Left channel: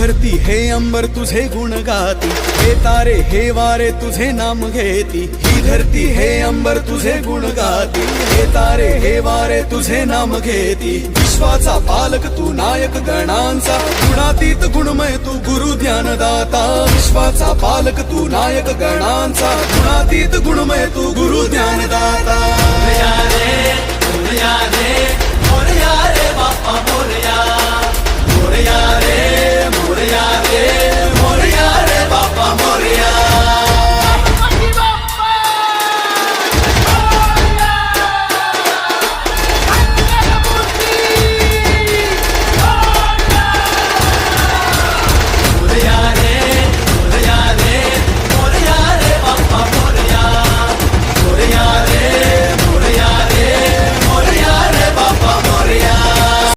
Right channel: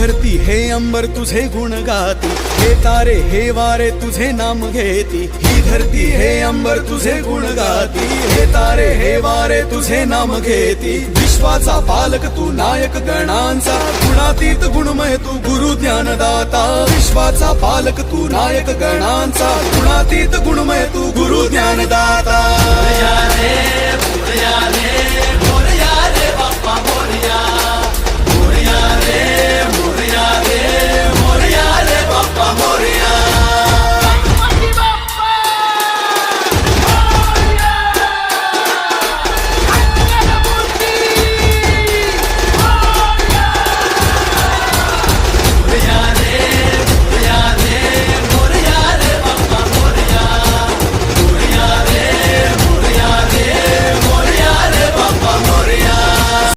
धरती हे अंबर तुझे गुण गाती, हे तारे हे वारे तुझे नाम घेती। ही धरती हे अंबर तुझे गुण गाती, हे तारे हे वारे तुझे नाम घेती। विश्वाचा पालक तू नायक गणांचा, गुणातीत गुणमय तू गुरु ज्ञानदाता। विश्वाचा पालक तू नायक गणांचा, गुणातीत गुणमय तू गुरु ज्ञानदाता। उड़ जा रे